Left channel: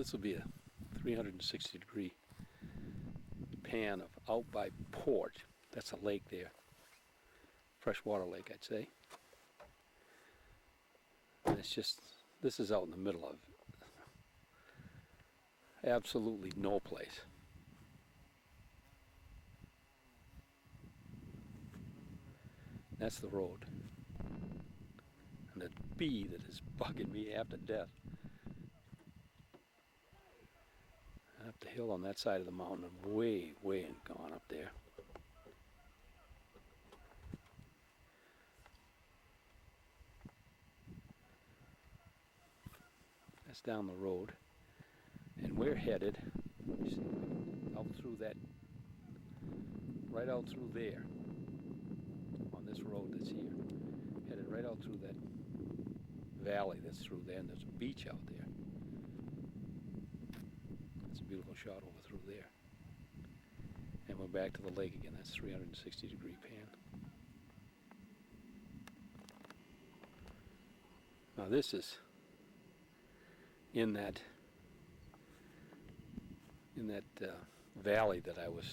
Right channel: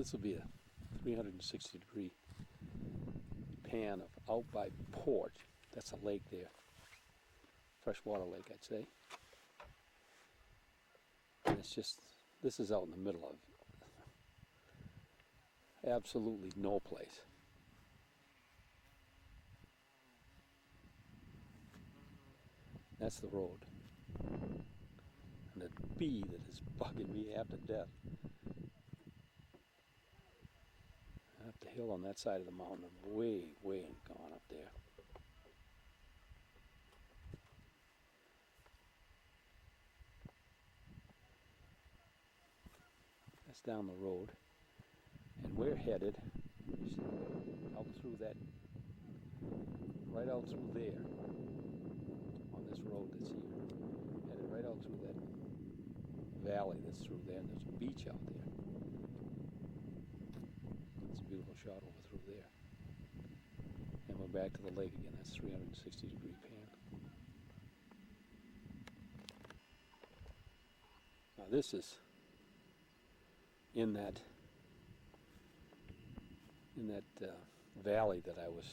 This will be a 360-degree pan of out by Porch. That's a lake there. Freshwater lake, I'd say. And it's just, this is out in the middle of absolutely no place. That's the road. And the bee that is bugging me half to death. And up the hill on that side of the mountain, I'm way gone up there. That's down the road. And we're headed out through that, right out through there, on this road that's here. Headed right out through that valley that's through there, and there's a beach out there. That's a beautiful shot over through there. And we're back to the lake again. That's 360-degree pan. Now this is in that valley that I was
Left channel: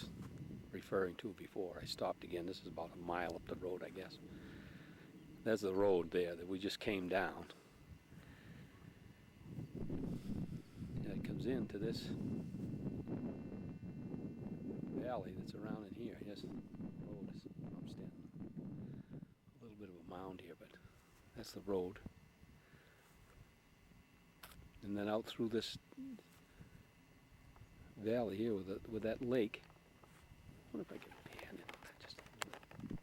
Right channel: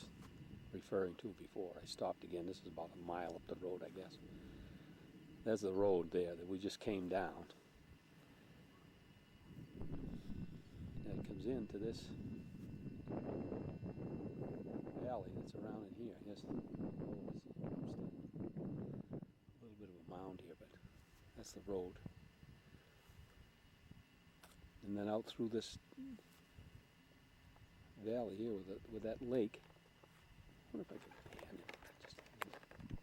referring to before. I stopped again. This is about a mile up the road, I guess. There's the road there that we just came down. And it comes into this valley that's around in here. Yes, the road is, I'm standing a little bit of a mound here, but that's the road. And then out through this valley here with that lake. I wonder if I can pan in on that just a little bit.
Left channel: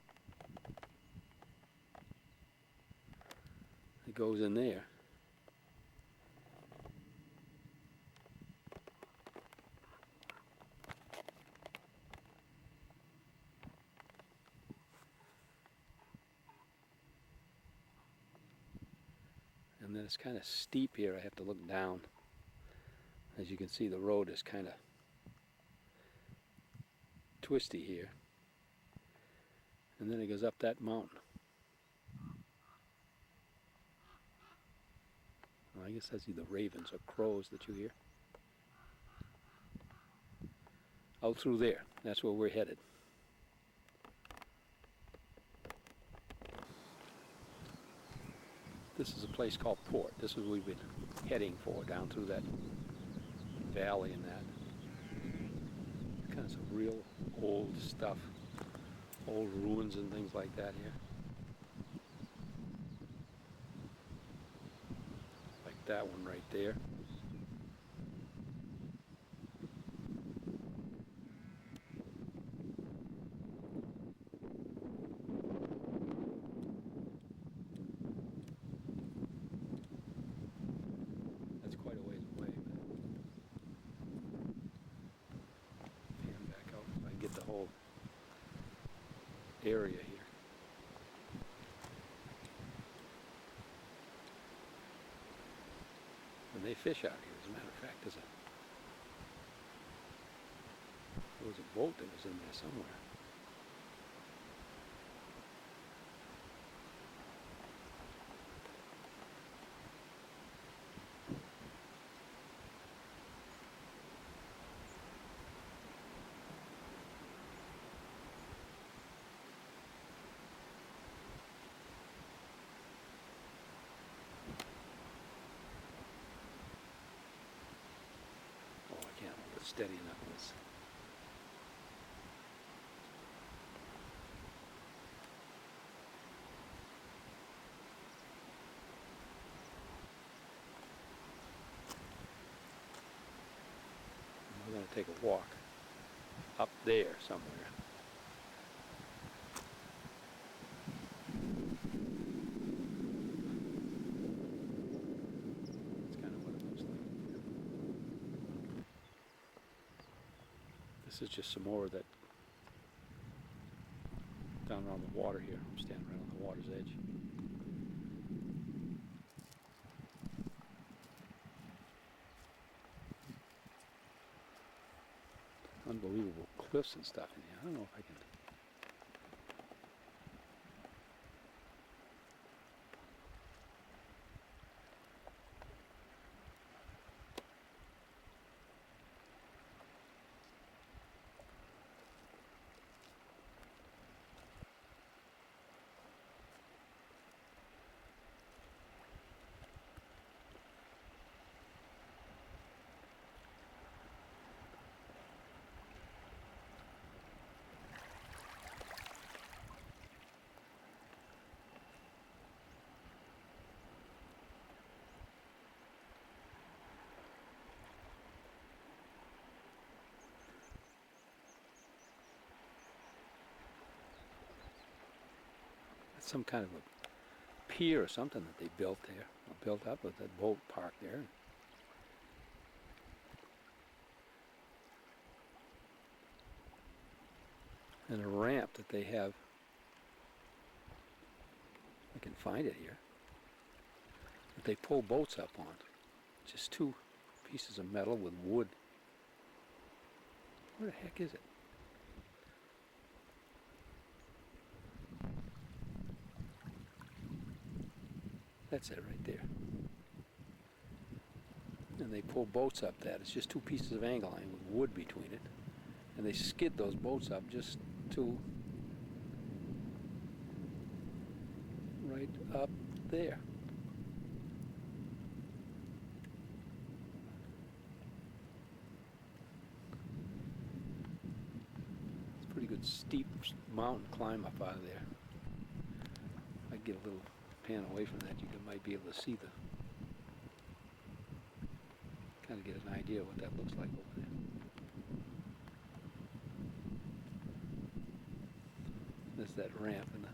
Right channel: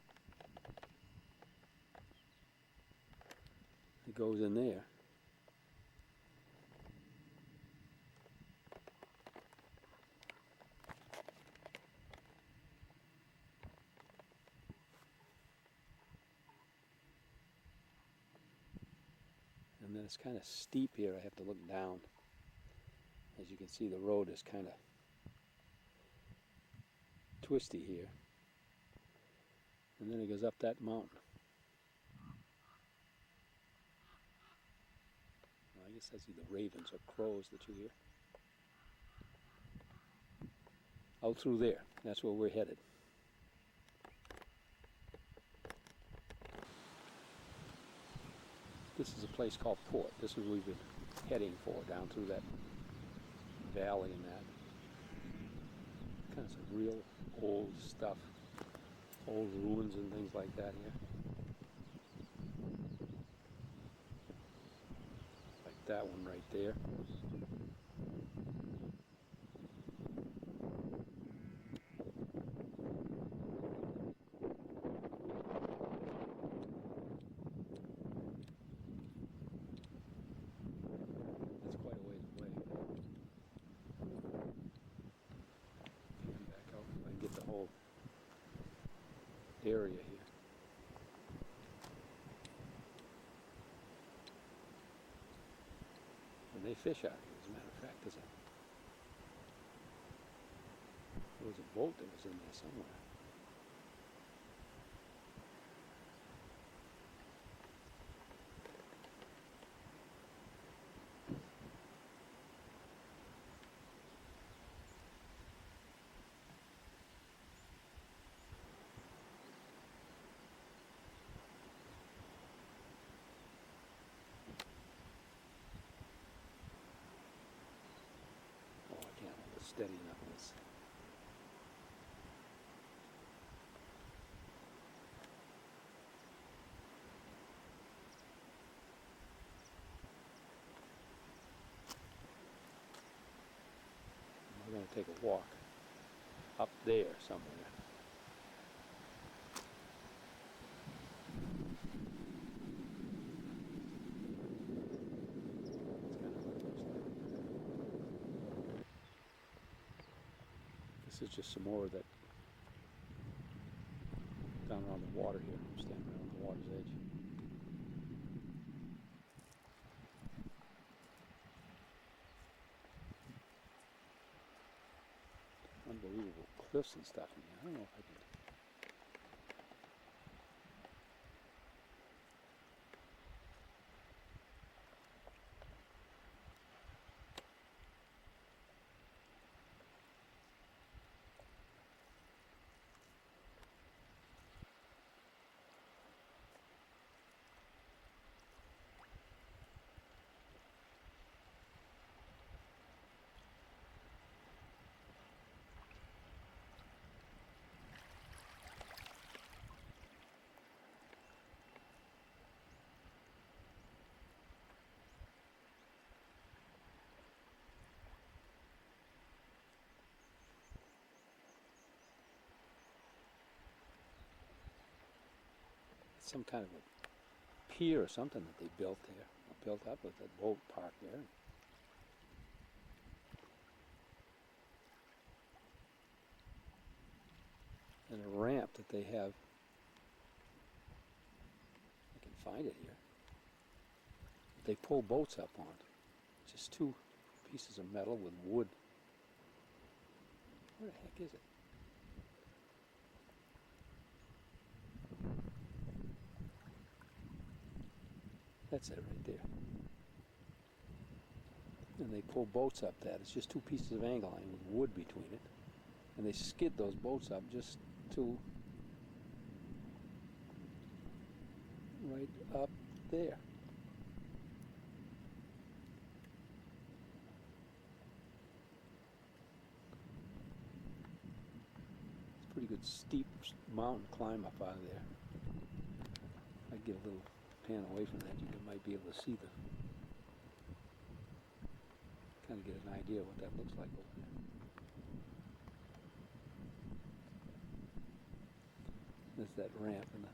It goes in there. And then it's kind of steep here. I have to look down. As you can see, the road is kind of twisty here. And then it goes up that mountain. Well, I guess that's either ravens or crows that you hear. Out through there. That's where we're headed. This is a place called Port. This is what we've been heading for, down through that valley and that. Kind of some real old stuff. Old ruins and things like that here. Like that one right there. That's quite a ways away. Pan back out if I can get the whole area here. And they fish out here, as a matter of fact. There was a boat that was in there somewhere. Oh, I can't hold it steady enough. We're going to take a walk up there somewhere. That's kind of what it looks like. This is just some more of that down around the water here. I'm standing right on the water's edge. Unbelievable cliffs and stuff in here. I don't know if I can. some kind of a pier or something that they built there, or built up with that boat parked there. And a ramp that they have, I can find it here, that they pull boats up on. Just two pieces of metal with wood. Where the heck is it? That's it right there. And they pull boats up that. It's just two pieces of angle line with wood between it. And they skid those boats up just to right up there. It's a pretty good steep mountain climb up out of there. I'd get a little pan away from that, might be able to see the, kind of get an idea of what that looks like over there. There's that ramp and the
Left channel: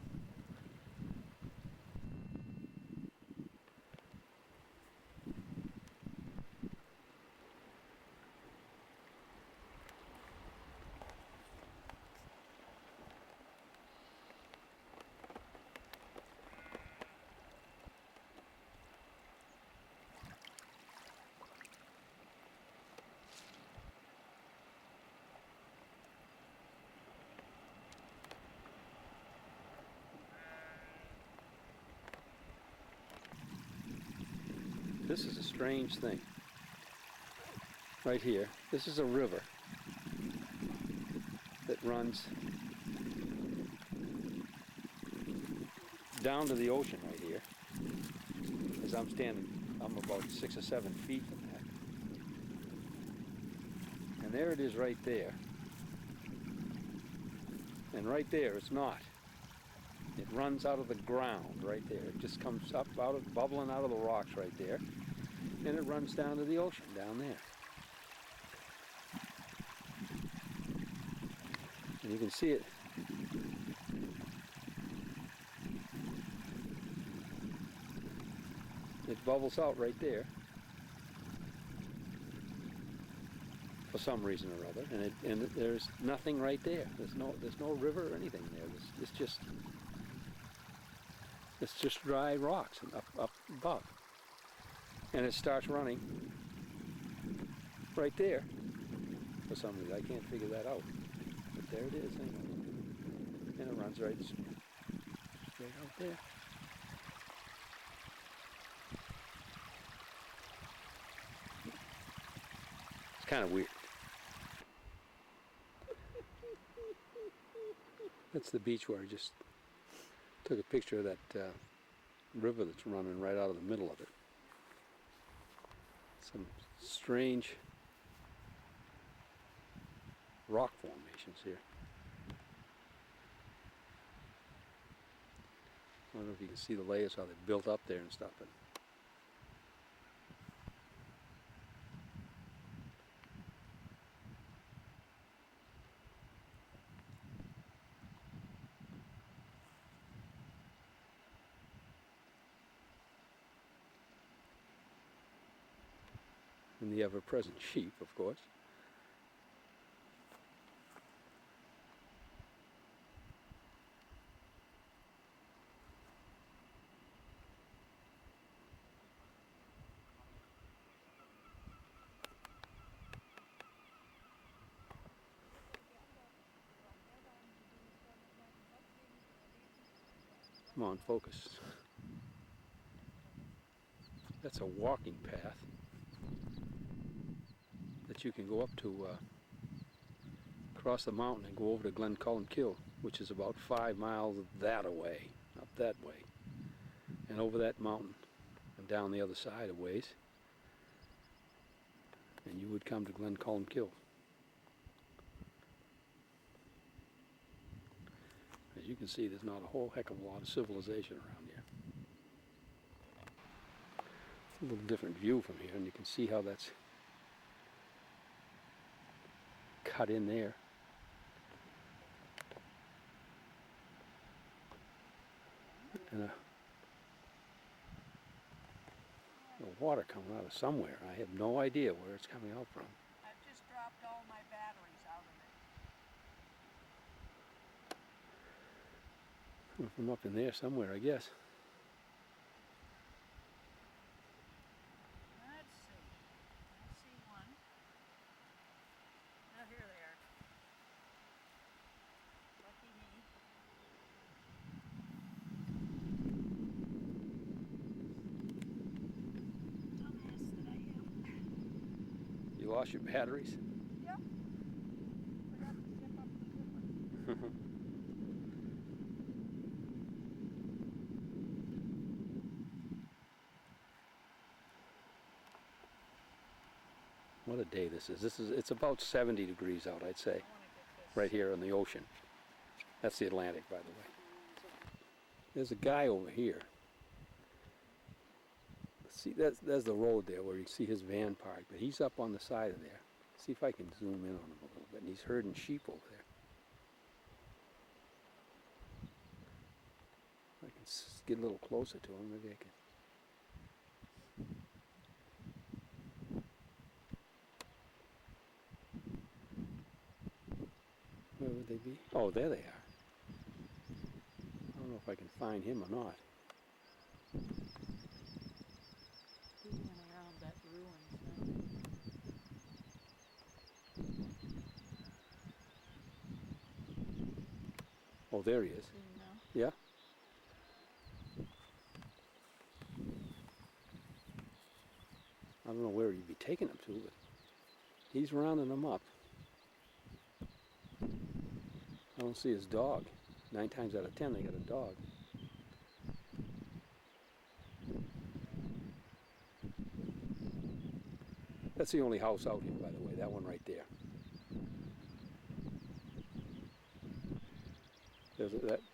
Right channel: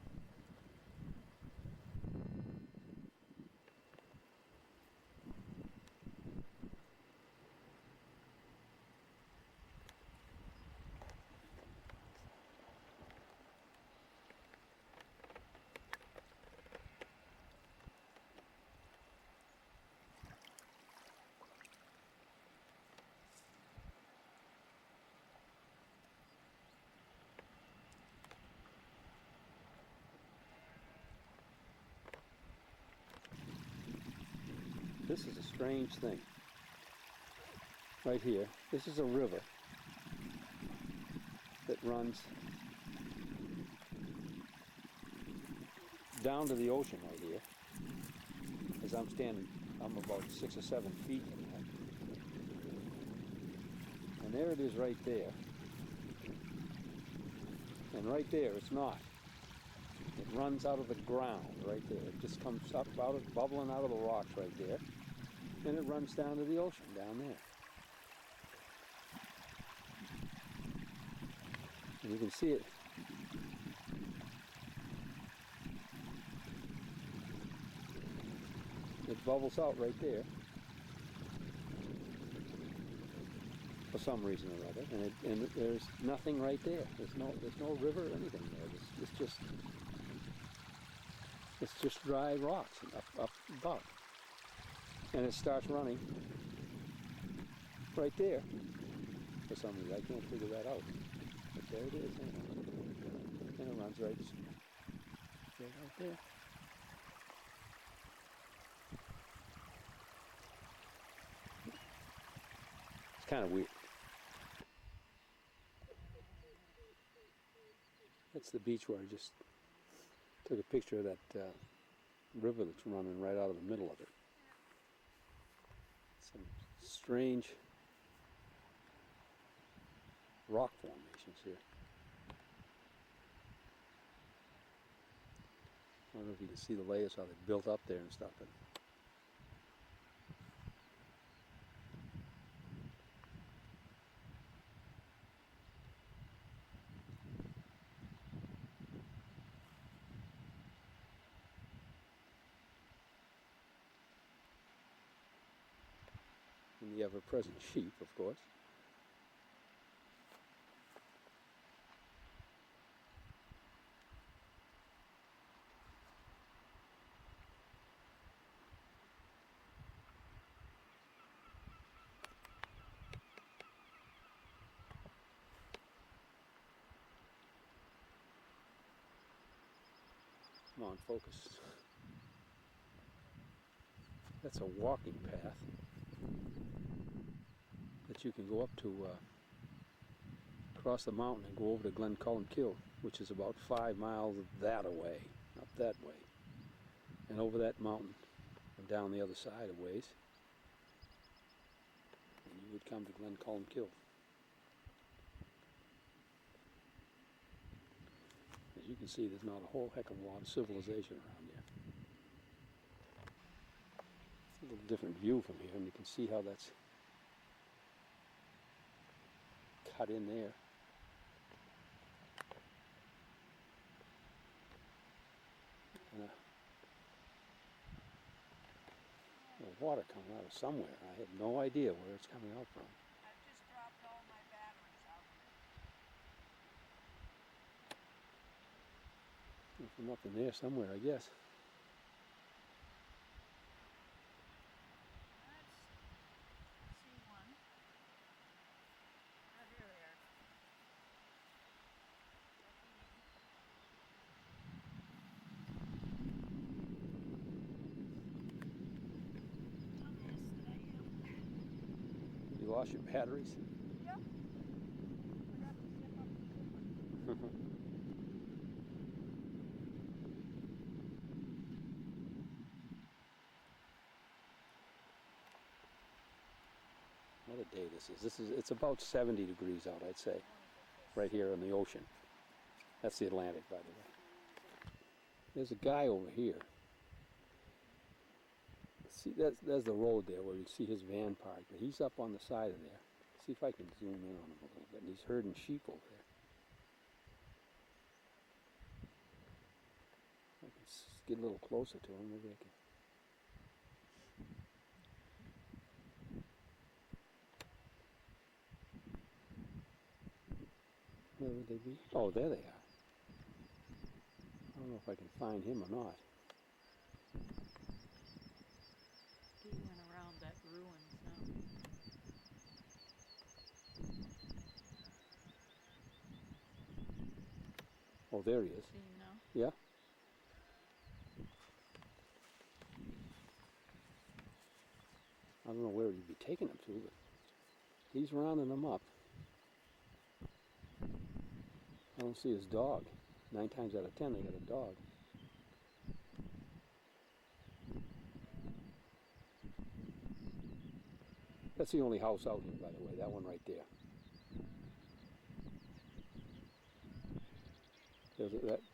This is a strange thing. Right here, this is a river that runs down to the ocean right here. As I'm standing, I'm about 6 or 7 feet from that. And there it is right there. And right there, it's not. It runs out of the ground right there. It just comes up out of, bubbling out of the rocks right there. And it runs down to the ocean down there. And you can see it. It bubbles out right there. For some reason or other. And there's nothing right there. There's no river or anything there. It's just dry rocks up above. And it starts running right there. For some reason, I can't figure that out. But there it is, and it runs right straight out there. It's kind of weird. That's the beach where I just took a picture of that river that's running right out of the middle of it. Some strange rock formations here. I don't know if you can see the layers, how they built up there and stuff. But and the ever-present sheep, of course. Come on, focus. That's a walking path that you can go up to, across the mountain and go over to Glencullen-Kill, which is about 5 miles that away, up that way, and over that mountain and down the other side a ways, and you would come to Glencullen-Kill. As you can see, there's not a whole heck of a lot of civilization around here. It's a little different view from here, and you can see how that's cut in there. And the water coming out of somewhere. I have no idea where it's coming out from. I've just dropped all my batteries out of it. From up in there somewhere, I guess. Let's see. I see one. Oh, here they are. Lucky me. Dumbass that I am. You lost your batteries? Yep. Forgot to zip up the zipper. What a day this is. It's about 70 degrees out, I'd say, right here in the ocean. That's the Atlantic, by the way. There's a guy over here. See, there's the road there where you see his van parked, but he's up on the side of there. See if I can zoom in on him a little bit. And he's herding sheep over there. I can get a little closer to him, maybe I can. Where would they be? Oh, there they are. I don't know if I can find him or not. He went around that ruins now. Oh, there he is. See him now? Yeah. I don't know where he'd be taking him to, but he's rounding them up. I don't see his dog. 9 times out of 10, they got a dog. That's the only house out here, by the way, that one right there.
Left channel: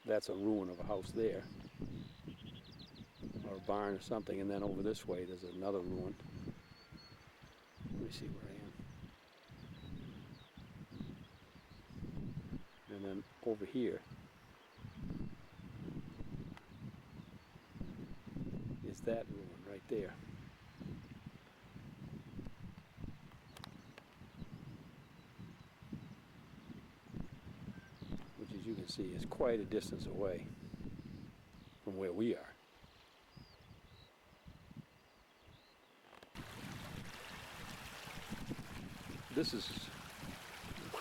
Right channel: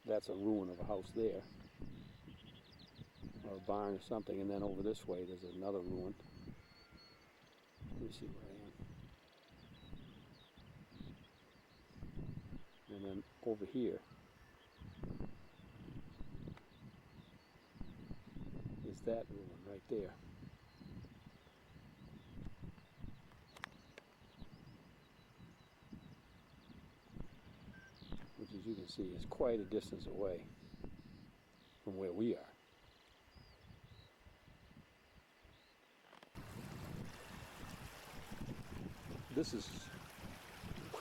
That's a ruin of a house there, or a barn or something, and then over this way there's another ruin. Let me see where I am. And then over here is that ruin right there. Which, as you can see, is quite a distance away from where we are. This is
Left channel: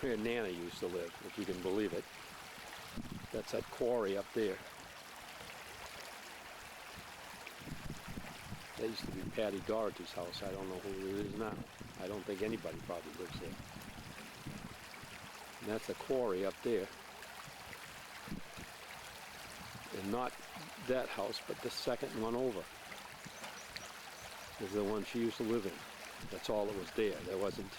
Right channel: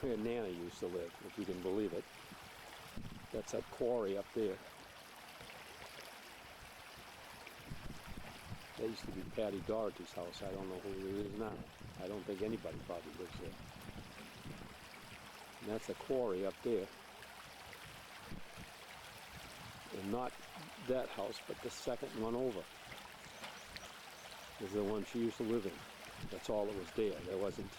where Nana used to live, if you can believe it. That's that quarry up there. That used to be Patty Doherty's house. I don't know who it is now. I don't think anybody probably lives there. And that's a quarry up there. And not that house, but the second one over is the one she used to live in. That's all that was there. There wasn't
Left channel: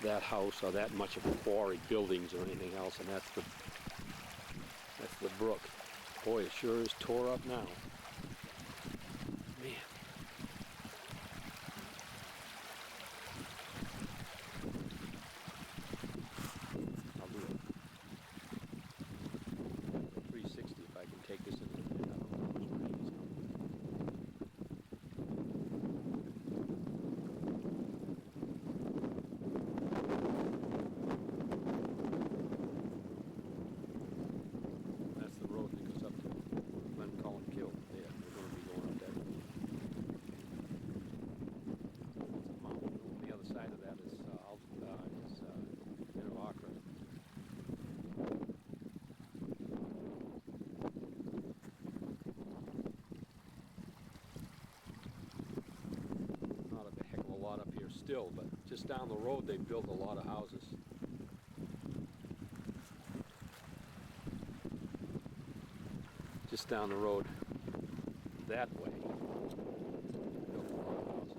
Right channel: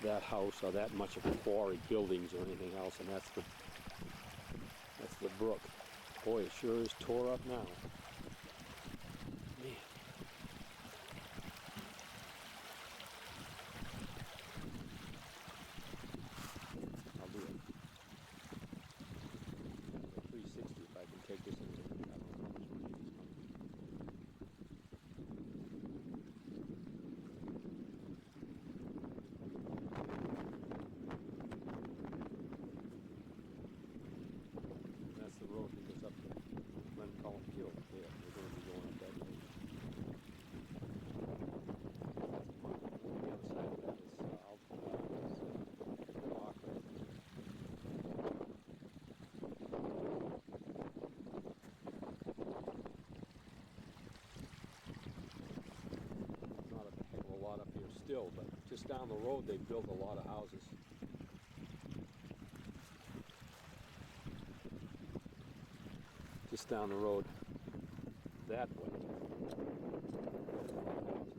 that house or that much of a quarry, buildings or anything else, and that's the brook. Boy, it sure is tore up now. Man. I'll do it. 360 if I can take this into the road that goes up to Glen Cullen Kill. Yeah, we're going to be going up that way. That's the mountain. On the other side of that is near Lochra. Not a heck of a lot up here still, but just down the road they built a lot of houses. Just down the road that way, built a lot of houses.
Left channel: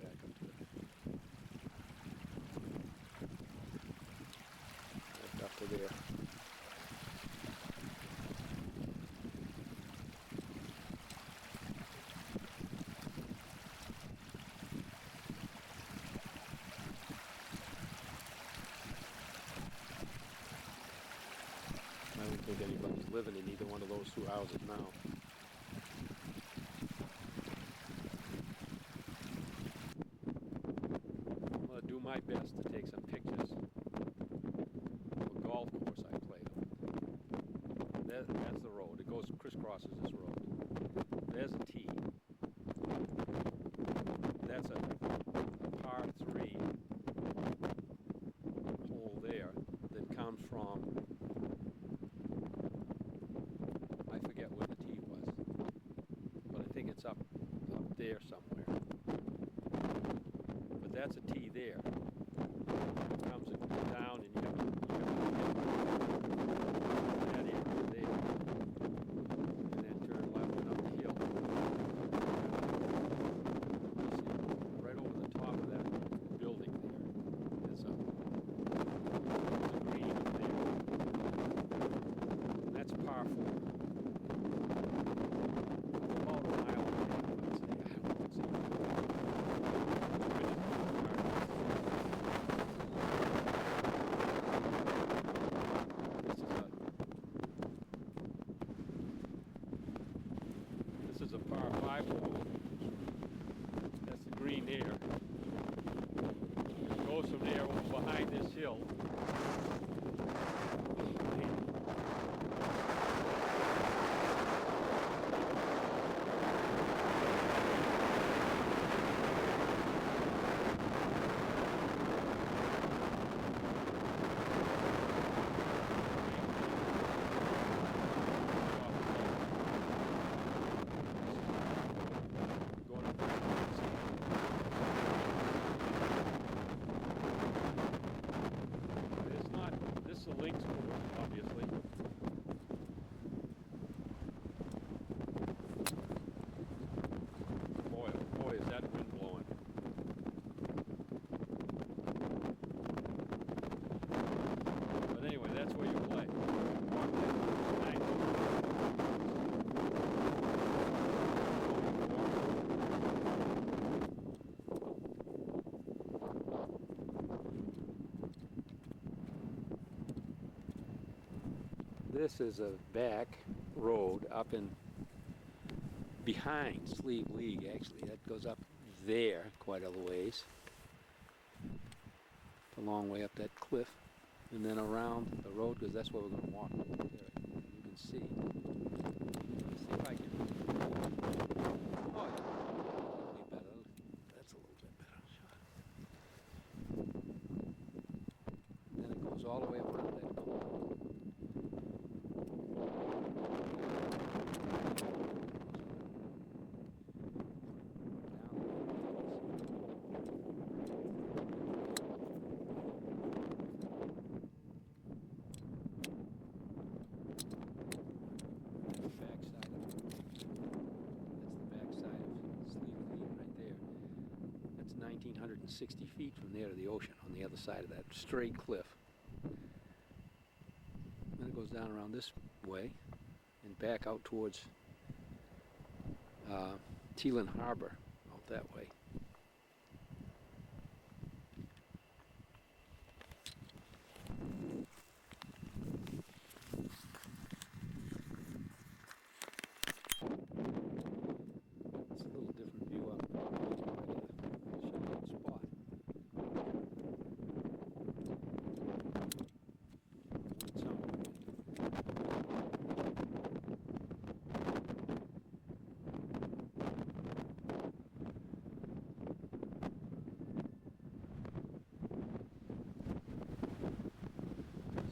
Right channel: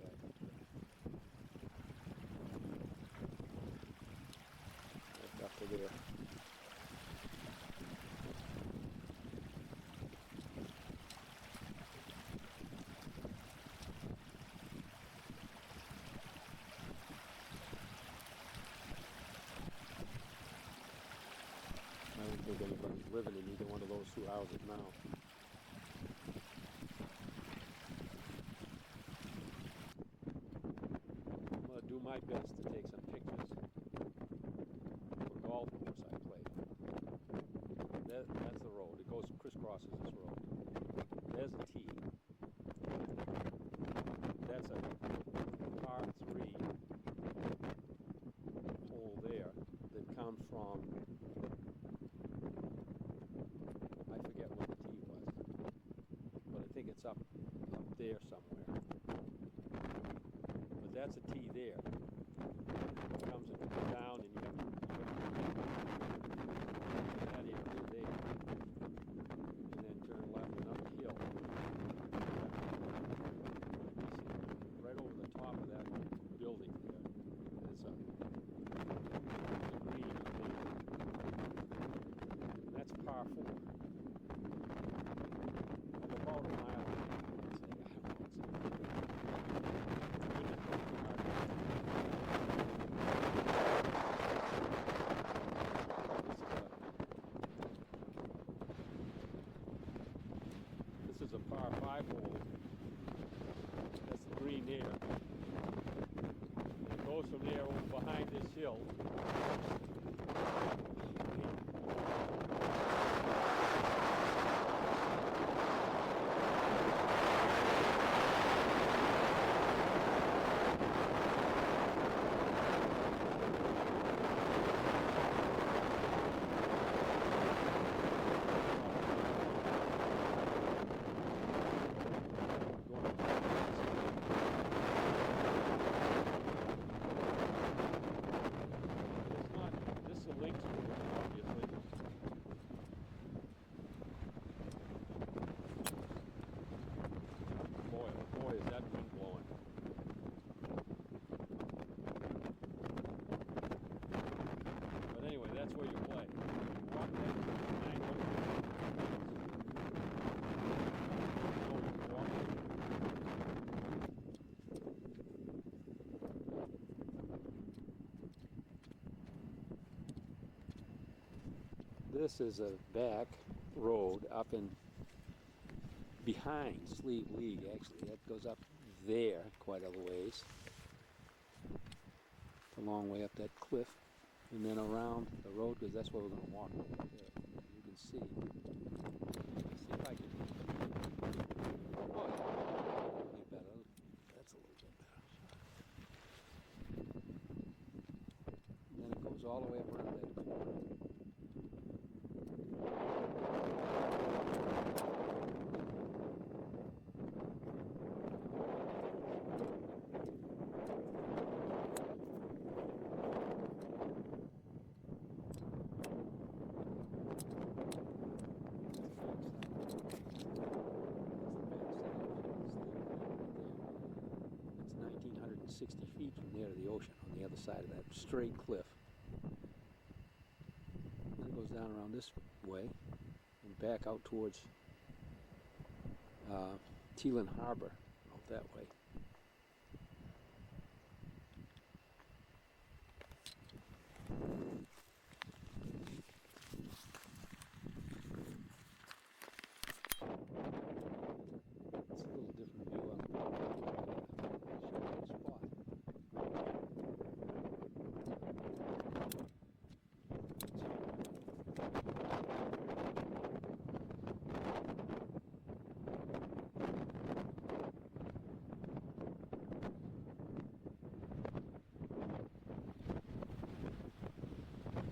Back up to it. Back up to there. anybody's living in either one of those two houses now. I'm gonna do my best to take some pictures of a golf course I played on. That's the road. It goes crisscrosses this road. There's a tee. That's a par 3 hole there that comes from, I forget where the tee was, but I think it's up there somewhere. But that's a tee there. It comes down and you have to that area there, and then turn left and up the hill. Right over the top of that building there, there's a green up there. And that's par 4. About a mile and a half, I'd say. I don't know exactly. This is a par 5 hole. That's the green there. It goes from there over behind this hill. It's a links course, obviously. Boy, oh boy, is that wind blowing. But anyway, that's where you play. Walk that 9 holes. This is a back road up in behind Slieve League, actually. That goes up there quite a ways. It's a long way up that cliff. And then around the road, because that's where we're going to walk over there. You can see. Let's see if I can. Oh, yeah. That'll be better. That's a little bit better. Then it goes all the way up around that corner. That's the backside of Slieve League right there. That's 1,960 feet from there to the ocean on the other side of that straight cliff. Then it goes down around this way and back out towards Teelan Harbor out that way. It's a little different view up there. Shooting spot.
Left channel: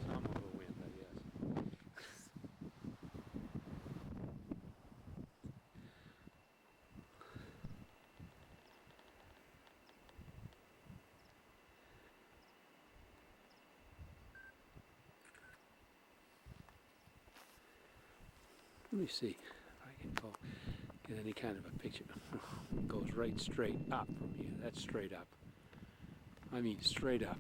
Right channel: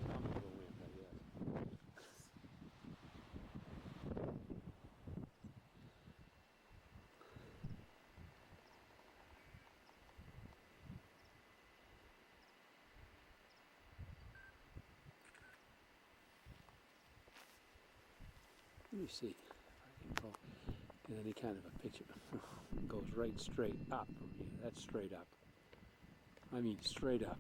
Some of the wind, I guess. Let me see if I can get any kind of a picture. It goes right straight up from here. That's straight up. I mean straight up.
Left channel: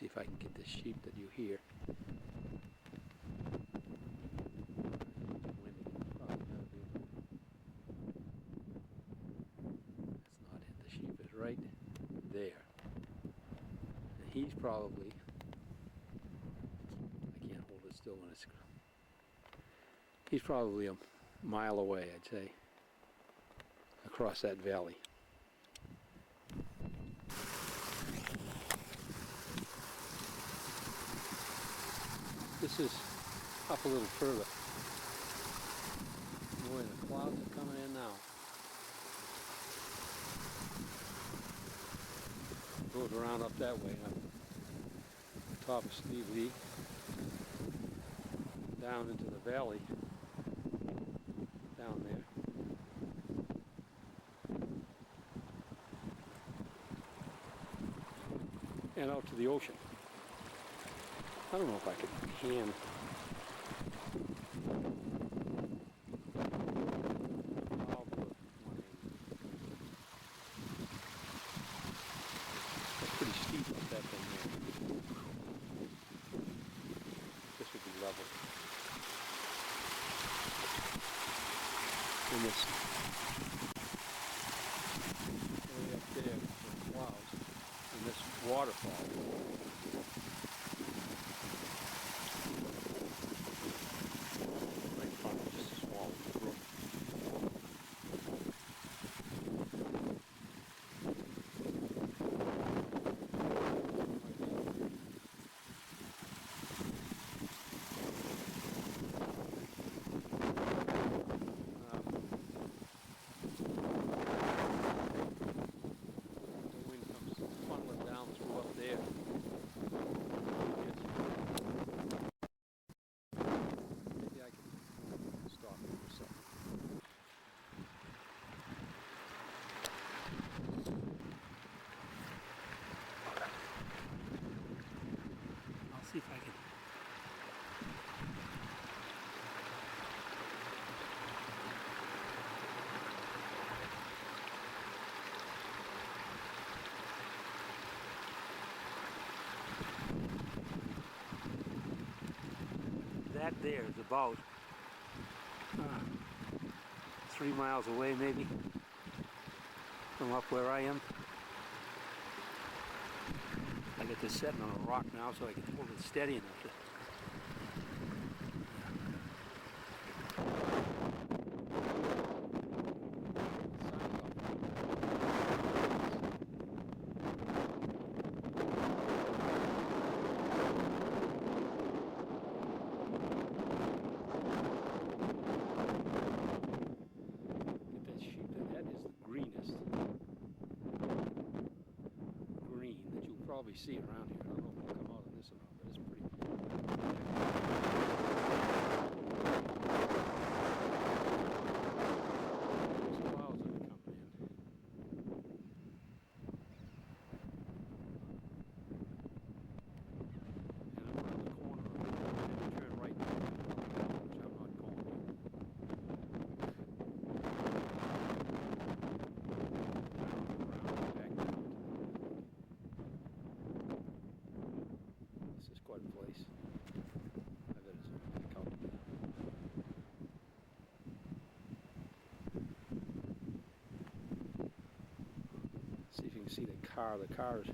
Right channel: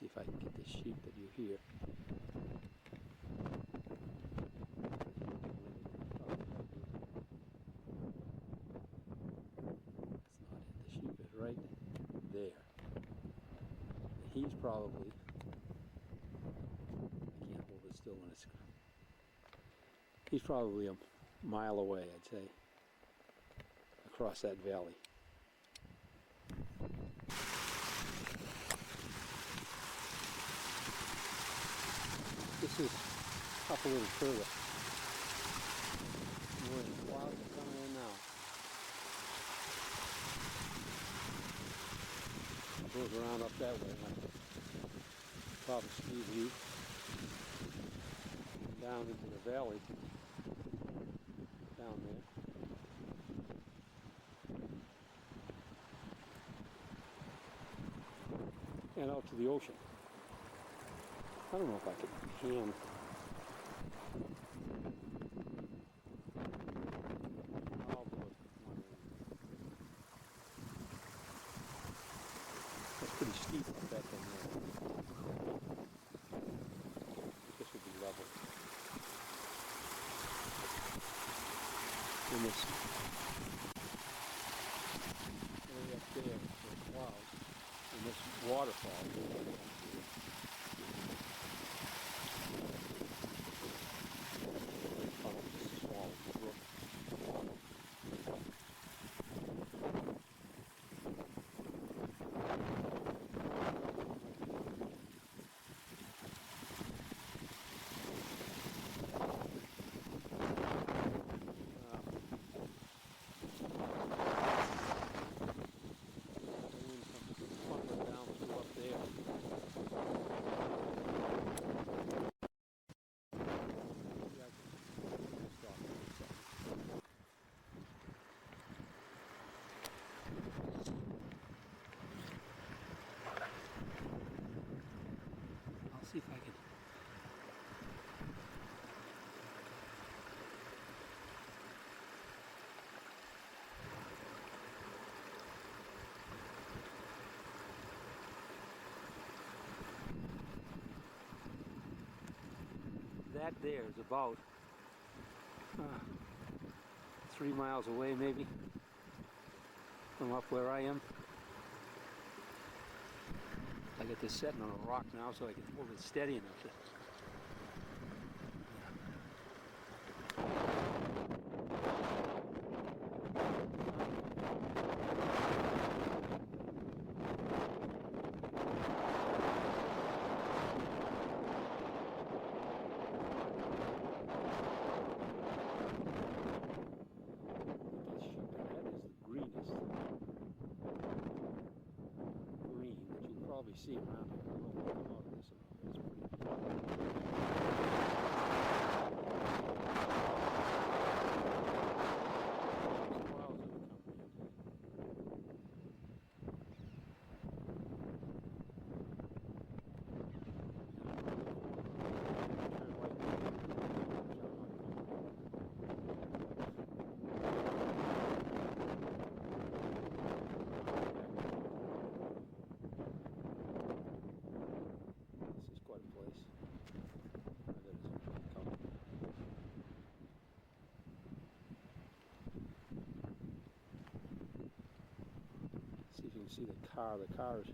see if I can get this sheep that you hear. Probably gotta be. That's not it. The sheep is right there. And he's probably, I can't hold it still when it's, he's probably a mile away, I'd say, across that valley. This is up a little further. Boy, the clouds are coming in now. It goes around up that way, up the top of Steve Lee, down into the valley, down there. And out to the ocean. I don't know if I could hand. I'll do it 180. That's pretty steep up that thing there. This would be level. And this way up there, the clouds, and this waterfall. See if I can. That there is about 3 miles away, maybe, from up where I am. I got this setting on a rock now so I can hold it steady enough to. That sheep, that is the greenest green that you'll probably see around here. I don't know if it'll come out of this or not, but it's pretty cool. These clouds that are coming in. And I'm around the corner. I had to turn right now, which I'm not going to. This is quite a place. I bet it's comfortable. See if you can see the car. The car is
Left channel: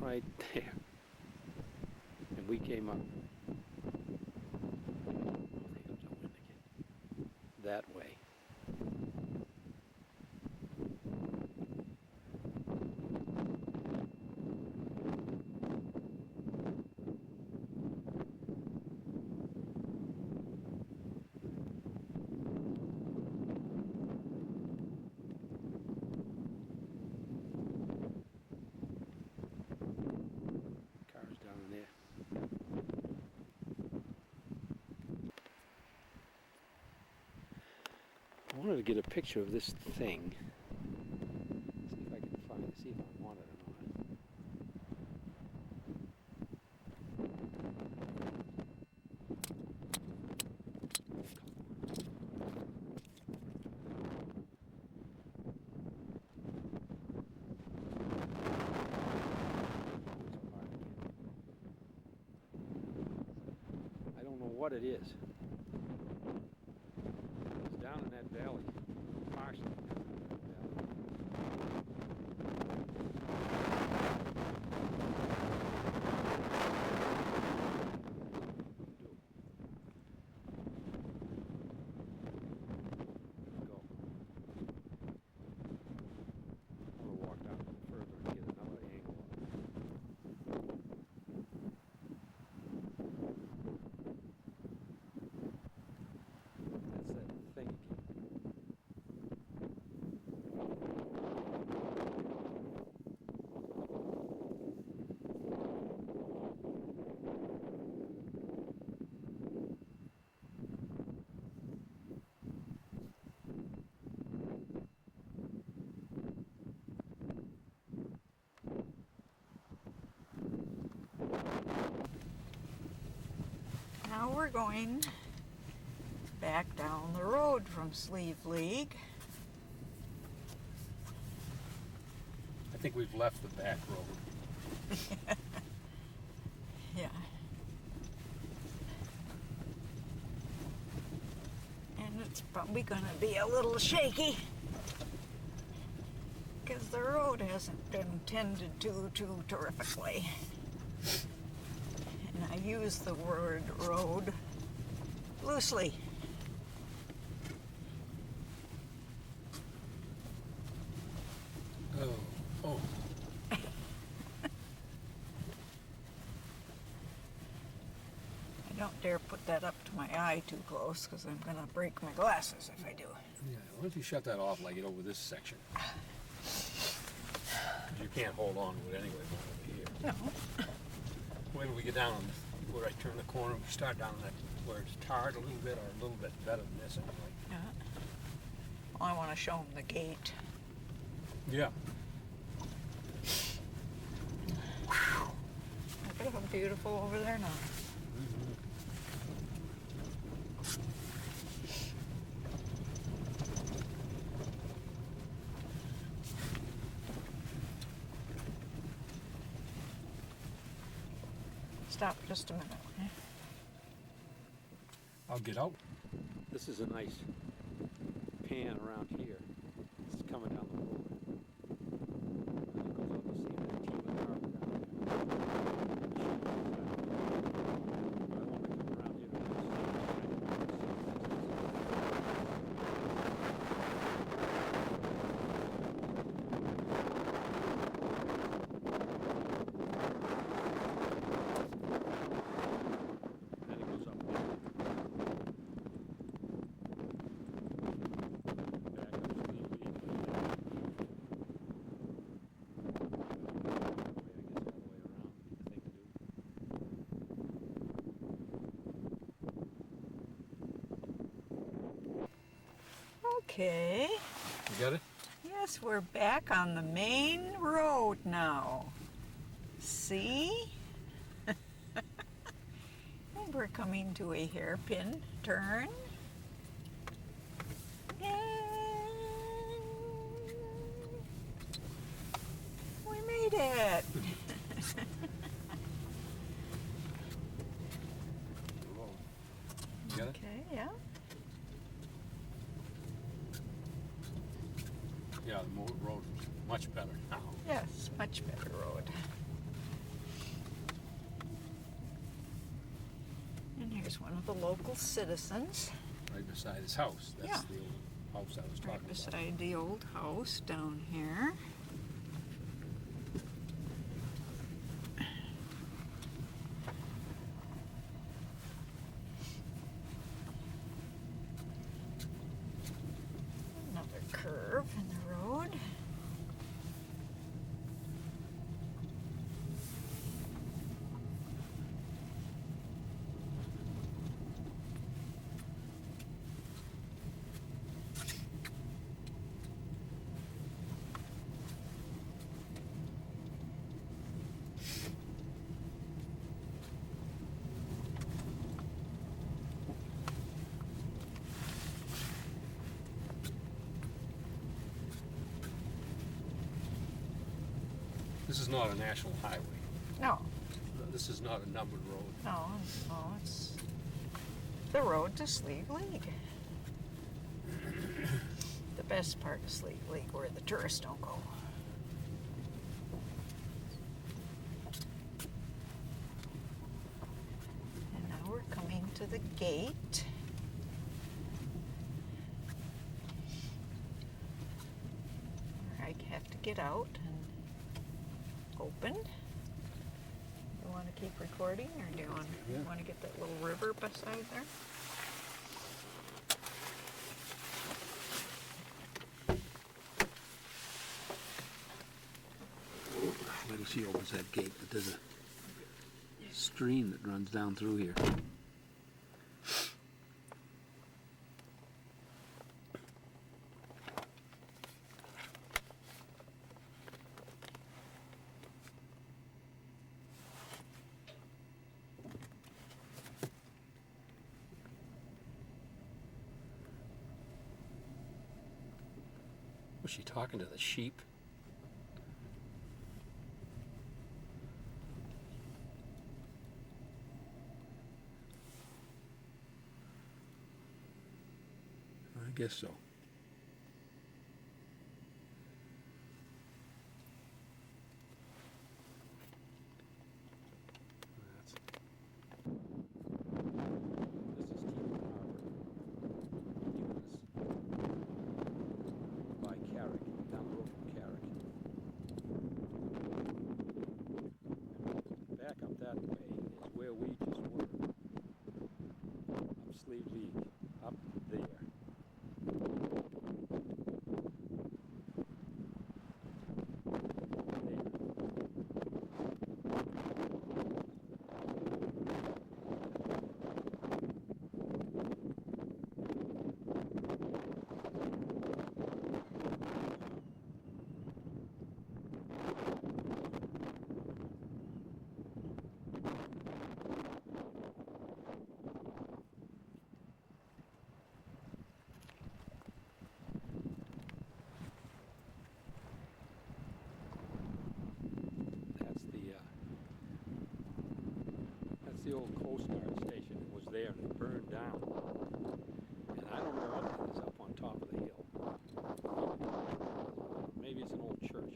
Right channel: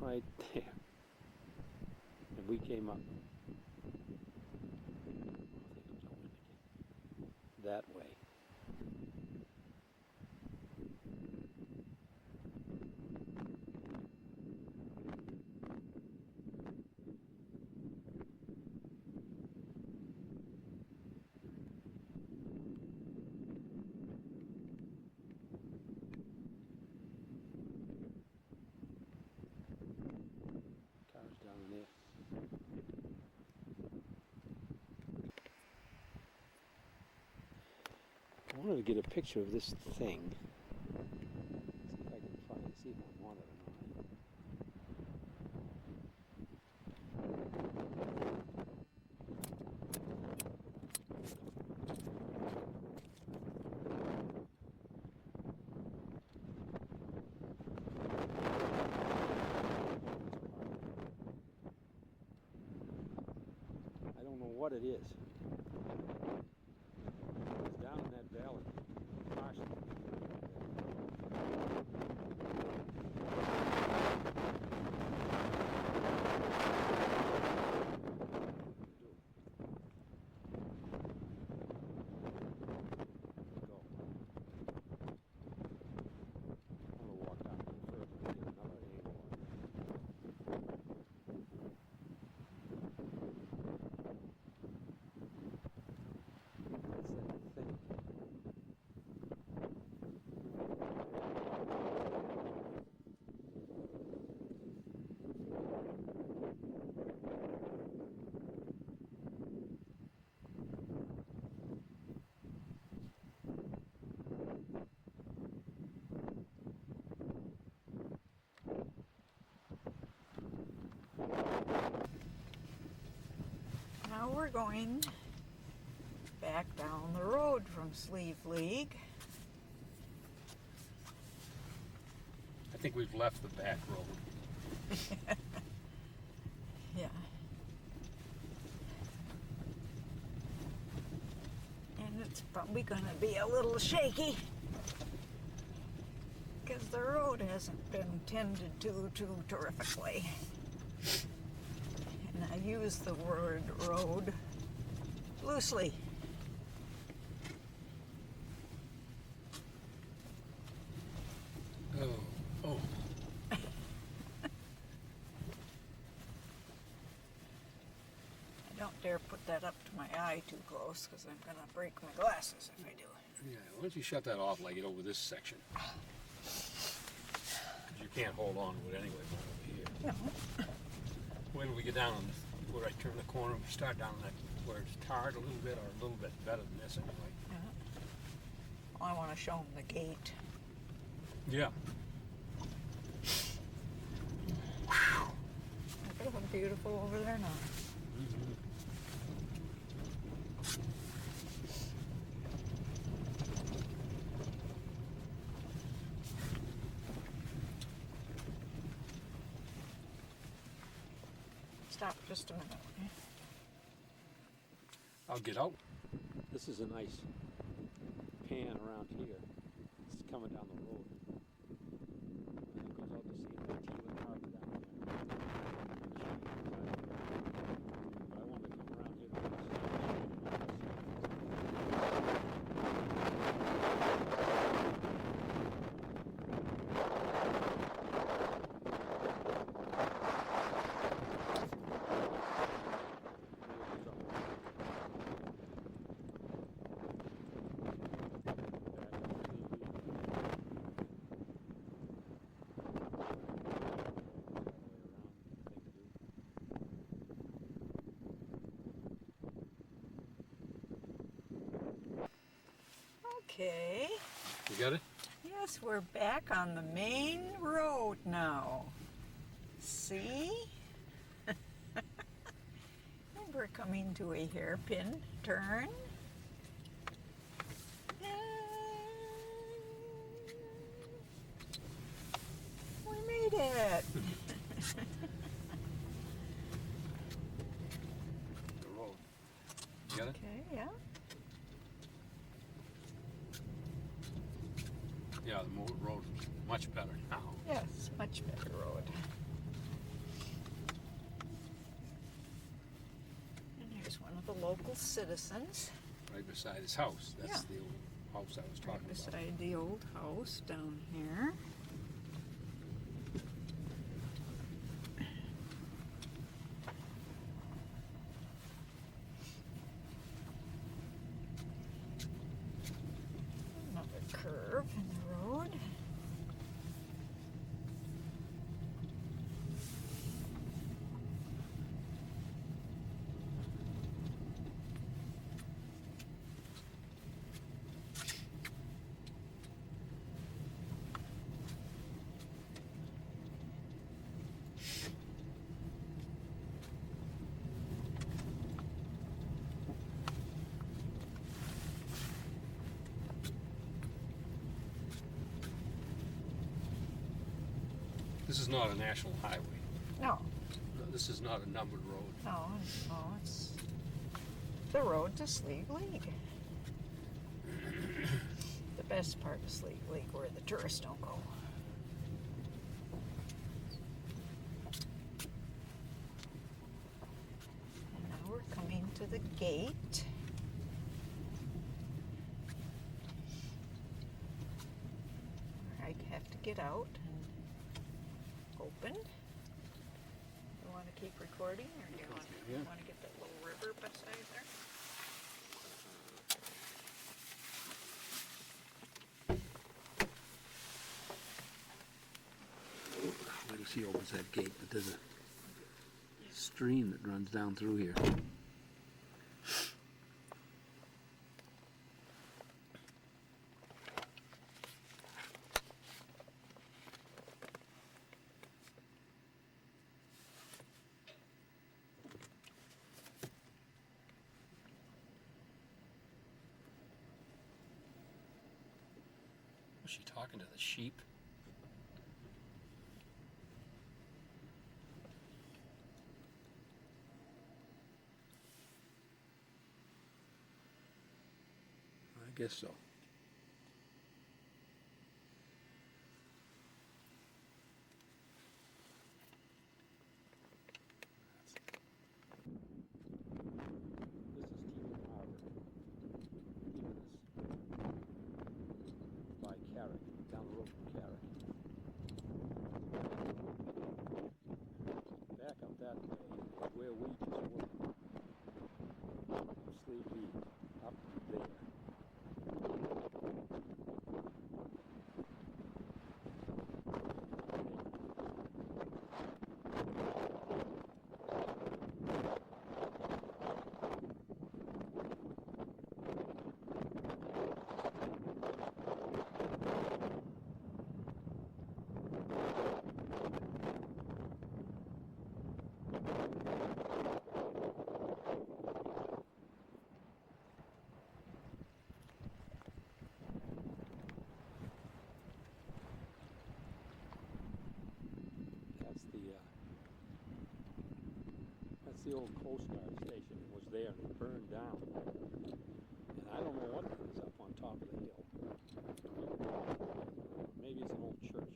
right there. And we came up. Oh, there goes the wind again. That way. Cars down in there. I wanted to get a picture of this thing. See if I can find it, see if I want it or not. what it is. It's down in that valley, partially down in that valley. Go. I'm gonna walk down a little further and get another angle on it. That's that thing again. Now we're going back down the road from Sleeve League. I think we've left the back road. Yeah. And it's probably going to be a little shaky because the road hasn't been tended to too terrifically. And I use the word road loosely. Oh. I don't dare put that up to my eye too close because I'm going to break my glasses if I do. Yeah, why don't you shut that off like it over this section? You can't hold on to it anyway, not over here. No. Wait till we get down on this, where I turn the corner, we start down that, where it's tarred a little bit, or a little bit better than this anyway. Yeah. Well, I want to show them the gate. Yeah. Look at how beautiful over there now. Stop just a minute. Okay? I'll get out. This is a nice pan around here. It's coming down the road. And it goes out to see that Tila Harbor down there. But I want to come around here to then it goes up. Back up Okay. You got it? Yes, we're back on the main road now. See? And we're coming to a hairpin turn. And we made it. The road. You got it? Okay, yeah. Yeah, the road is much better now. Yes, much better road. And here's one of the local citizens. Right beside his house. That's Yeah. the old house I was talking Right about. beside the old house down here. Another curve in the road. This is not a national highway. No, This is not a numbered road. no, no, it's the road to Sleeve Lake. The best part of Sleeve Lake where the tourists don't go. And now we're coming to the gate. I have to get out and open. You want to keep recording, or do you want to get that little river beside there? Wait till she opens that gate, but there's a stream that runs down through here. Was she talking to the sheep? I guess so. This is Keeling Harbor. By Carrick, down the road from Carrick. Back up that way is where we just were. Up Sleeve League, up there. That's the old Coast Guard station. It was there and it burned down. And I don't know what it is up on top of the hill. Maybe it's an old church.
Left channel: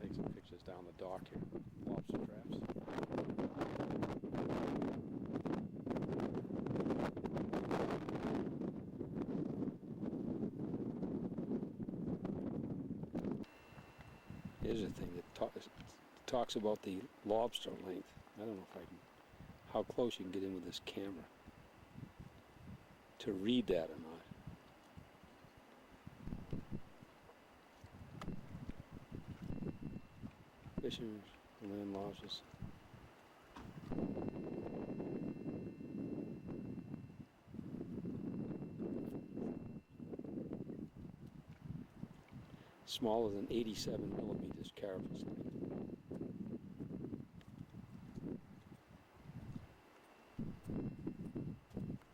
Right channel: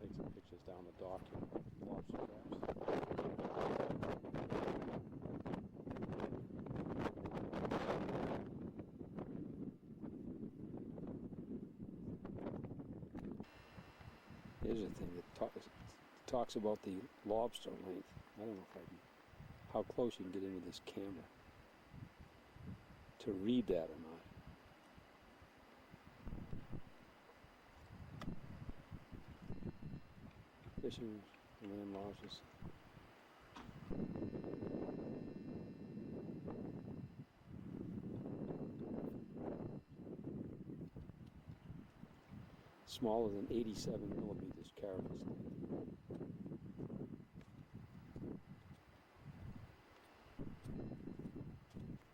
Take some pictures down the dock here. Lobster traps. Here's a thing that talks about the lobster length. I don't know if I can, how close you can get in with this camera to read that or not. Fishers, land lodges. Smaller than 87 millimeters carapace length.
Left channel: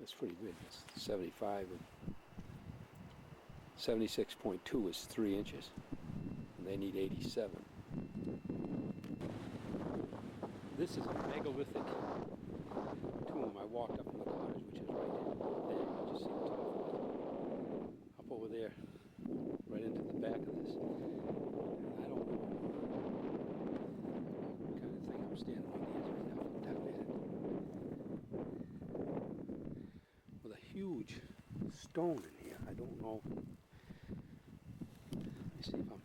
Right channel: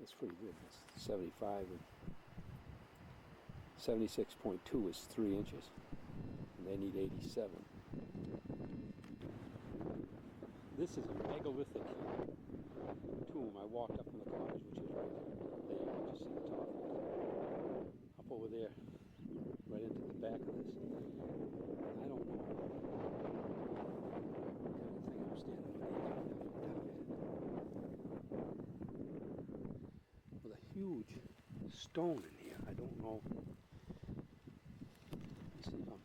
That's pretty good. That's 75 and 76.2 is 3 inches, and they need 87. This is a megalithic tomb. I walked up from the cottage, which is right there. You can just see the top of it. Up over there, right into the back of this. I don't know what kind of thing I'm standing on the edge of that one down at it. With a huge stone in here. I don't know. Let me see if I'm...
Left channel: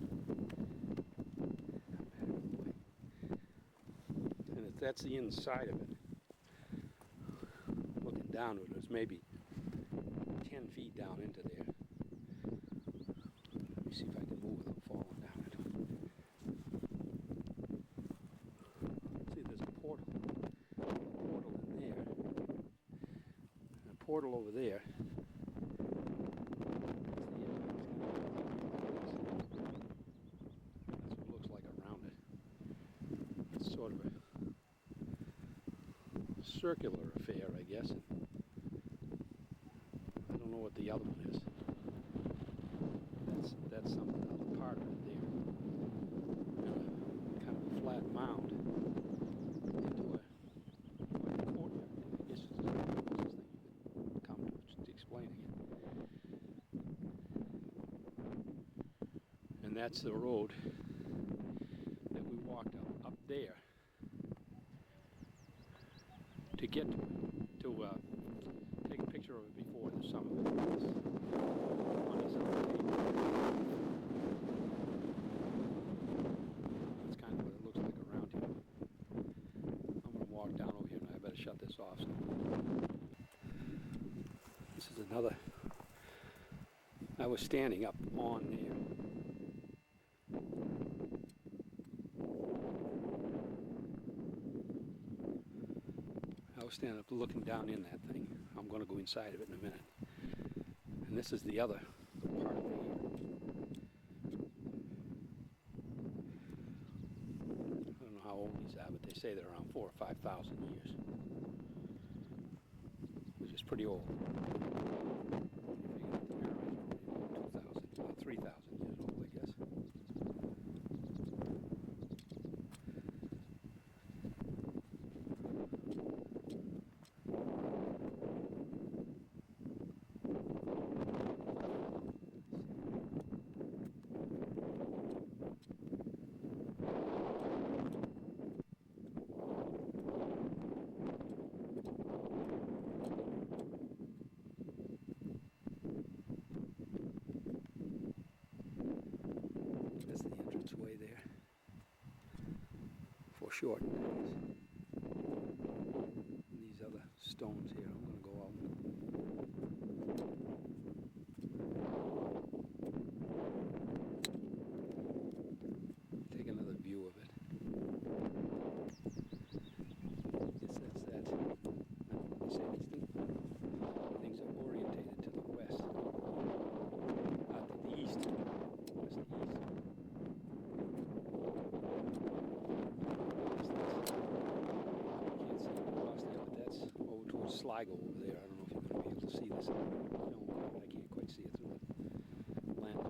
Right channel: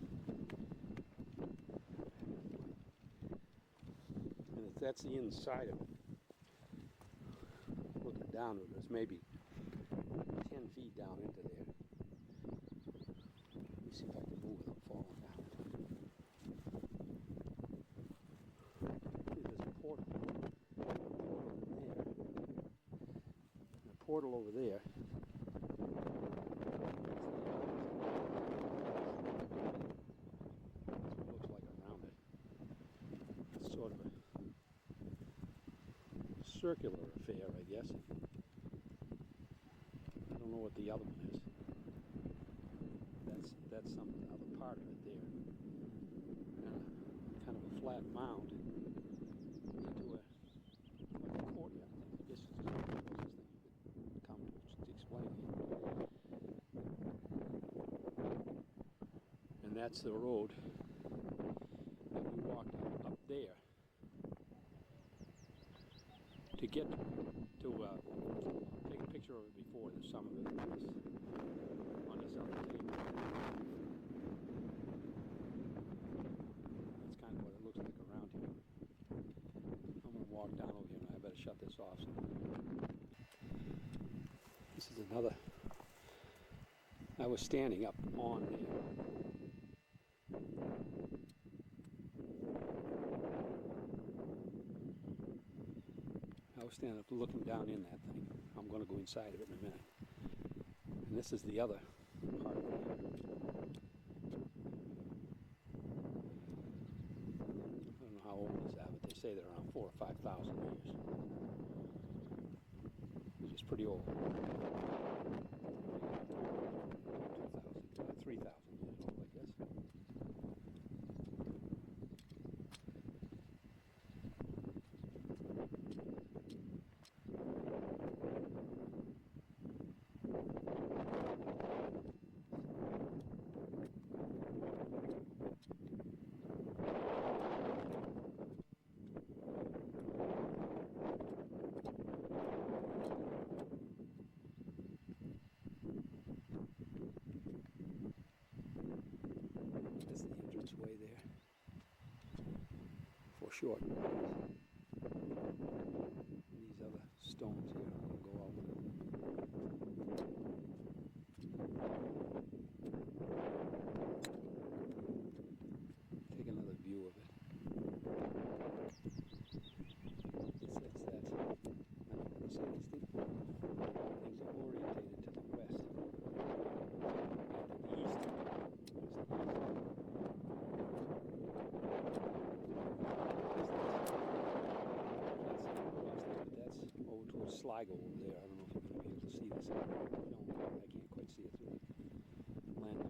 And if that's the inside of it. Looking down to it, it's maybe 10 feet down into there. Let me see if I can move without falling down it. See, there's a portal. A portal in there. And a portal over there. That's what it looks like around it. It's sort of a circular affair, I guess. I don't know what the other one is. That's some other part of it there. And kind of a flat mound into a courtyard. I guess it's the closest thing you could come to explaining it. And that's the road that we walked up there to get to take a picture of it before. There's some of it on this other table. That's kind of what it looks like around here. I'm going to walk down over here and I better shut this off. So. This is another. I was standing up on there. I was standing up looking down in that thing. I'm going to go inside of it in a minute. And this is the other part of it here. I don't know how old these are, but they say they're around 4,000 or 5,000 years, which is pretty old. 3,000 years old, I guess. Way there for short. These other stones here, I'm going to go out. Take another view of it. That's that. I don't know what they say. These things are orientated to the west, to the east. West east. Sligo over there. I don't know if you're going to be able to see this film. I can't quite see it through the lens.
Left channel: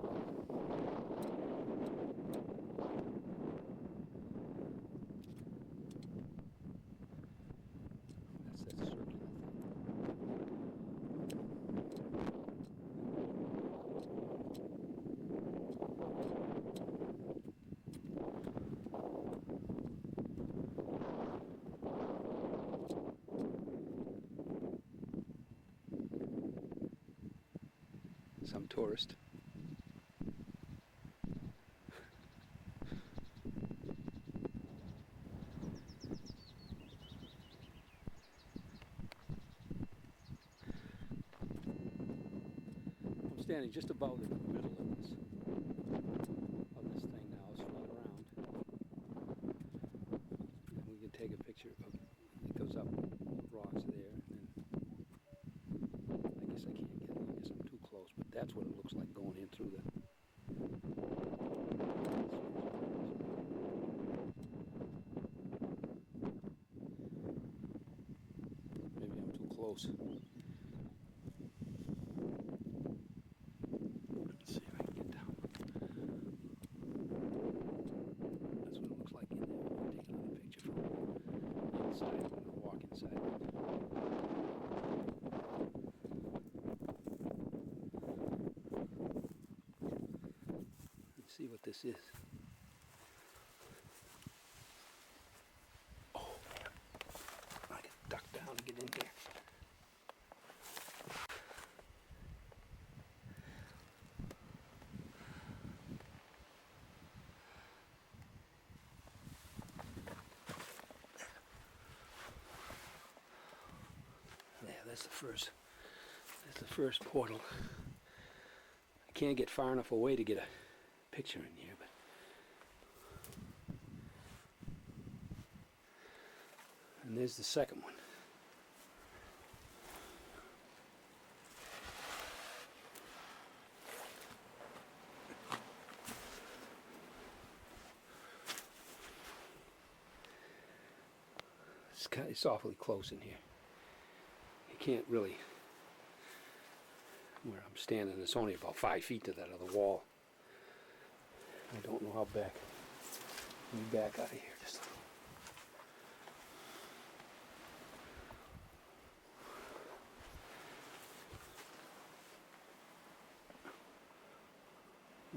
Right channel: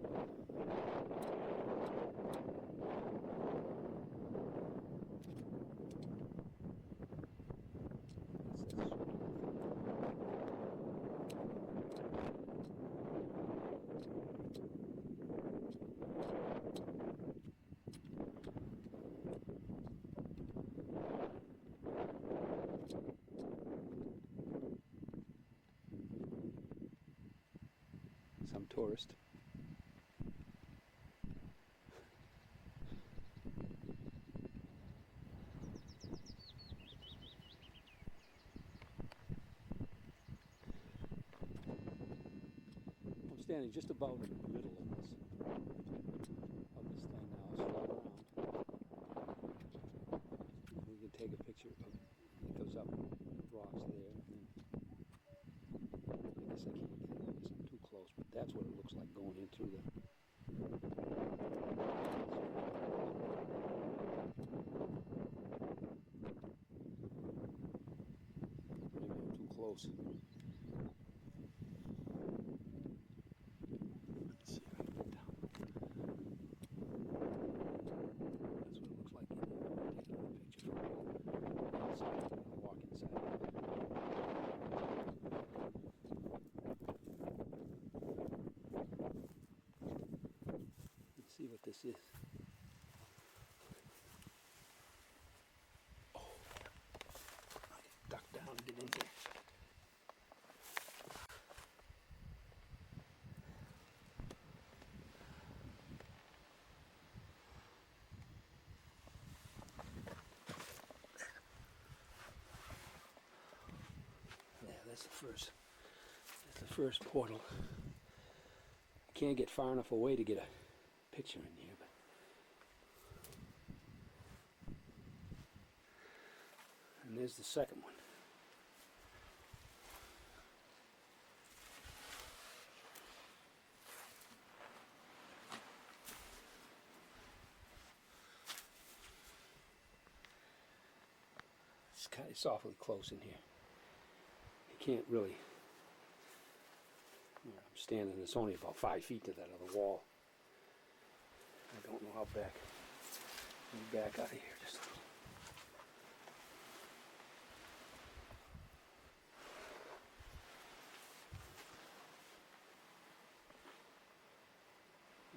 That's that circular thing. Some tourist. I'm standing just about in the middle of this thing now. It's flat around. And we can take a picture of it. It goes up rocks there, and then I guess I can't get it. I guess I'm too close, but that's what it looks like going in through the. Maybe I'm too close. Let's see if I can get down. That's what it looks like in there. I'm going to take another picture from inside. I'm going to walk inside. See what this is. Oh, I can duck down and get in here. There, that's the first portal. I can't get far enough away to get a picture in here, but and there's the second one. it's awfully close in here. You can't really, where I'm standing, it's only about 5 feet to that other wall. I don't know how back. Let me back out of here just a little.